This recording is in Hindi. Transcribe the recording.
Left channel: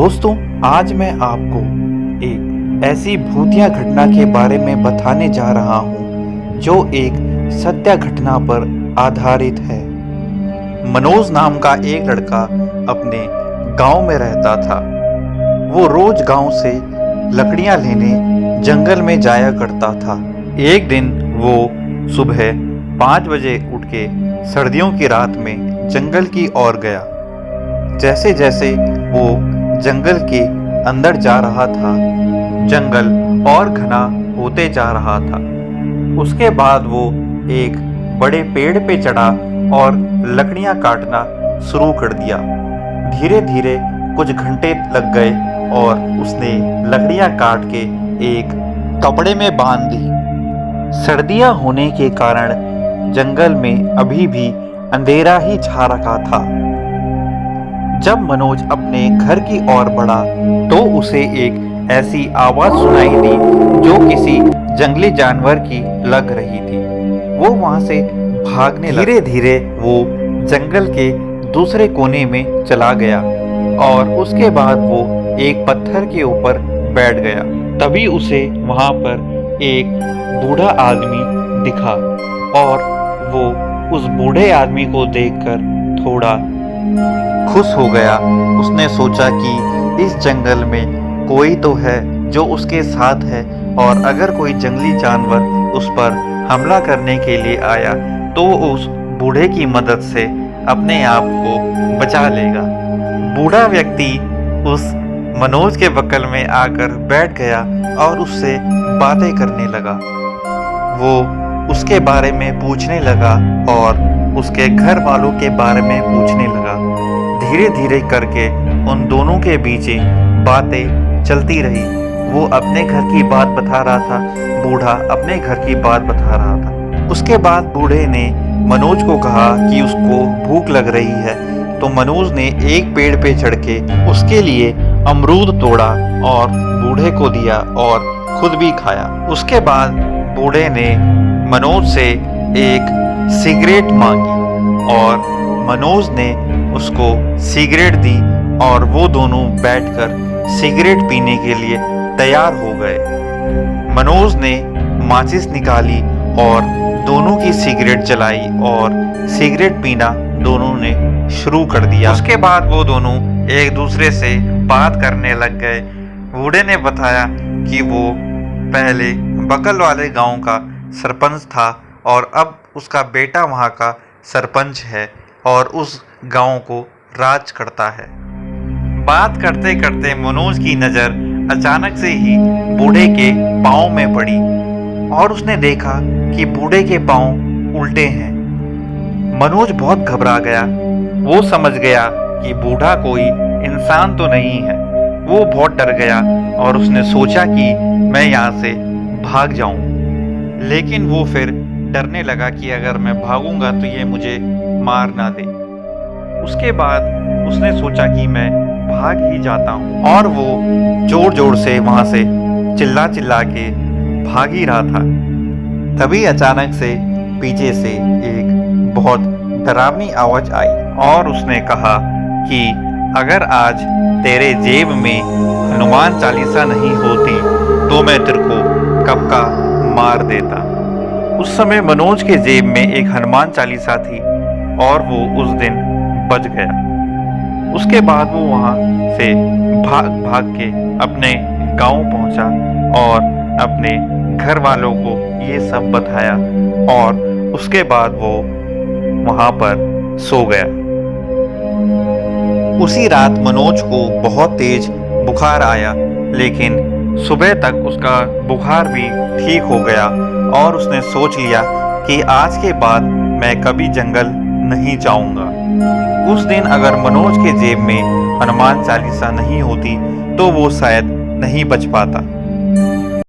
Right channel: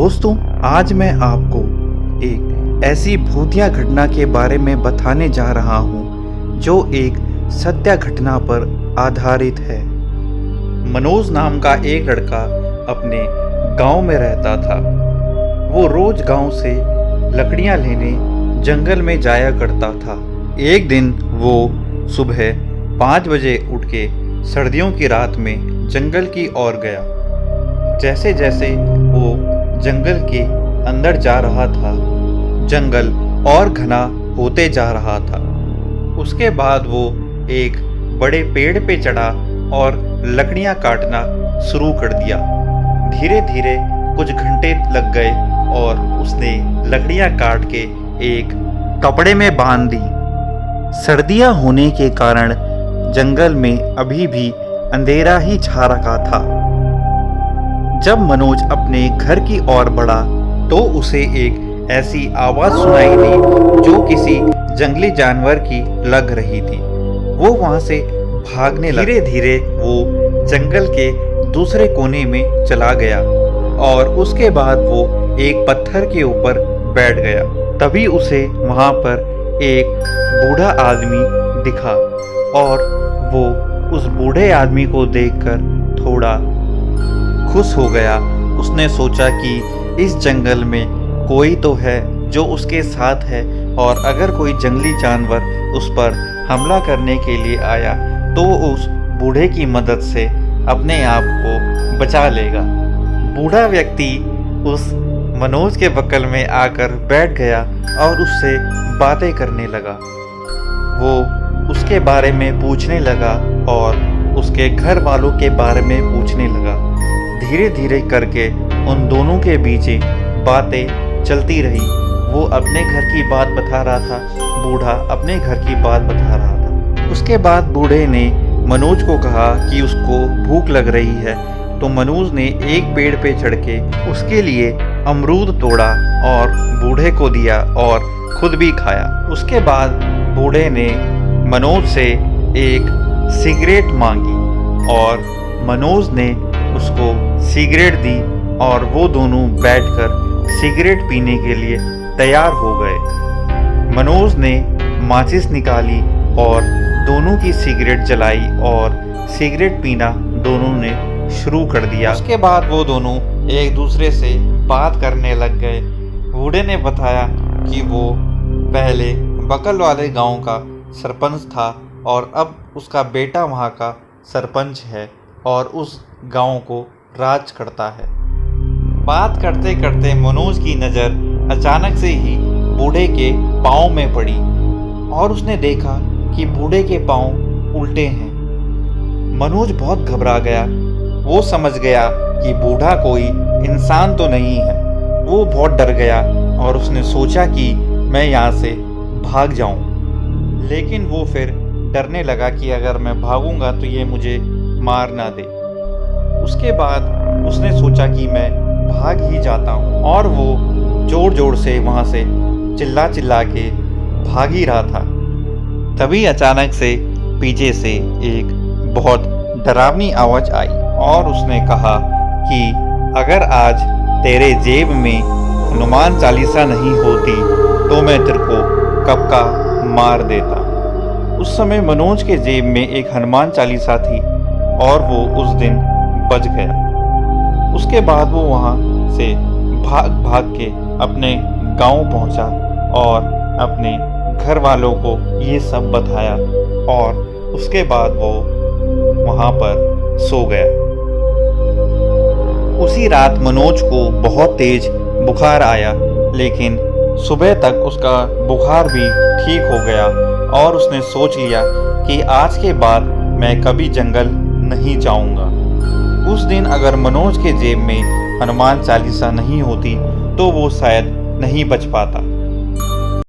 दोस्तों, आज मैं आपको एक ऐसी भूतिया घटना के बारे में बताने जा रहा हूँ जो एक सत्य घटना पर आधारित है। मनोज नाम का एक लड़का अपने गांव में रहता था। वो रोज गांव से लकड़ियां लेने जंगल में जाया करता था। एक दिन वो सुबह 5 बजे उठ के सर्दियों की रात में जंगल की ओर गया। जैसे जैसे वो जंगल के अंदर जा रहा था, जंगल और घना होते जा रहा था। उसके बाद वो एक बड़े पेड़ पे चढ़ा और लकड़ियां काटना शुरू कर दिया। धीरे धीरे कुछ घंटे लग गए और उसने लकड़ियां काट के एक कपड़े में बांध दी। सर्दियां होने के कारण जंगल में अभी भी अंधेरा ही छा रखा था। जब मनोज अपने घर की ओर बढ़ा तो उसे एक ऐसी आवाज सुनाई दी जो किसी जंगली जानवर की लग रही थी। वो वहां से भागने लगा। धीरे धीरे वो जंगल के दूसरे कोने में चला गया और उसके बाद वो एक पत्थर के ऊपर बैठ गया। तभी उसे वहां पर एक बूढ़ा आदमी दिखा और वो उस बूढ़े आदमी को देखकर थोड़ा खुश हो गया। उसने सोचा कि इस जंगल में कोई तो है जो उसके साथ है और अगर कोई जंगली जानवर उस पर हमला करने के लिए आया तो उस बूढ़े की मदद से अपने आप को बचा लेगा। बूढ़ा व्यक्ति उस मनोज के बगल में आकर बैठ गया और उससे बातें करने लगा। वो उसके बारे में पूछने लगा और उसके घर वालों के बारे में पूछने लगा। धीरे धीरे करके उन दोनों के बीच बातें चलती रही। वो अपने घर की बात बता रहा था, बूढ़ा अपने घर की बात बता रहा था। उसके बाद बूढ़े ने मनोज को कहा कि उसको भूख लग रही है, तो मनोज ने एक पेड़ पे चढ़ के उसके लिए अमरूद तोड़ा और बूढ़े को दिया और खुद भी खाया। उसके बाद बूढ़े ने मनोज से एक सिगरेट मांगी और मनोज ने उसको सिगरेट दी और वो दोनों बैठकर सिगरेट पीने के लिए तैयार हो गए। मनोज ने माचिस निकाली और दोनों की सिगरेट जलाई और सिगरेट पीना दोनों ने शुरू कर दिया। उसके बाद वो दोनों एक दूसरे से बात करने लग गए। बूढ़े ने बताया कि वो पहले बगल वाले गांव का सरपंच था और अब उसका बेटा वहां का सरपंच है और उस गांव को राज करता है। बात करते करते मनोज की नज़र अचानक से ही बूढ़े के पाँव में पड़ी और उसने देखा कि बूढ़े के पाँव उल्टे हैं। मनोज बहुत घबरा गया। वो समझ गया कि बूढ़ा कोई इंसान तो नहीं है। वो बहुत डर गया और उसने सोचा कि मैं यहाँ से भाग जाऊं। लेकिन वो फिर डरने लगा कि अगर मैं भागूंगा तो ये मुझे मार ना दे। उसके बाद उसने सोचा कि मैं भाग ही जाता हूँ और वो जोर जोर से वहाँ से चिल्ला चिल्ला के भाग ही रहा था। तभी अचानक से पीछे से एक बहुत डरावनी आवाज़ आई और उसने कहा कि अगर आज तेरे जेब में हनुमान चालीसा नहीं होती तो मैं तेरे को कब का मार देता। उस समय मनोज के जेब में एक हनुमान चालीसा थी और वो उस दिन बच गया। उसके बाद वो वहाँ से भाग भाग के अपने गांव पहुँचा और अपने घर वालों को ये सब बताया और उसके बाद वो वहाँ पर सो गया। उसी रात मनोज को बहुत तेज बुखार आया, लेकिन सुबह तक उसका बुखार भी ठीक हो गया और उसने सोच लिया कि आज के बाद मैं कभी जंगल नहीं जाऊंगा। उस दिन अगर मनोज के जेब में हनुमान चालीसा नहीं होती तो वो शायद नहीं बच पाता।